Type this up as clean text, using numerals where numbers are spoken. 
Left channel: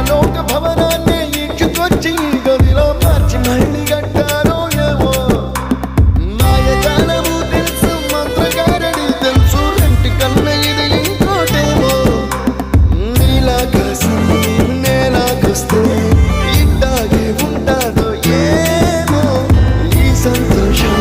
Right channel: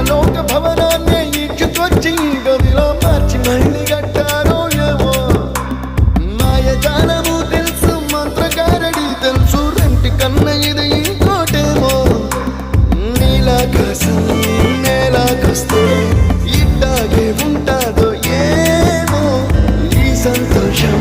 పరలోక భవనాన్ని ఈడ్చుకొచ్చి గదిలో మార్చి మళ్ళీ కట్టారో ఏమో. మాయజాలము తెలుసు, మంత్రకారడి తెలుసు, రెంటి కన్న ఇది ఇంకోటేమో. నీలాకాశం నేలాకొస్తే ఇట్టాగే ఉంటాదో ఏమో. ఈ సంతోషం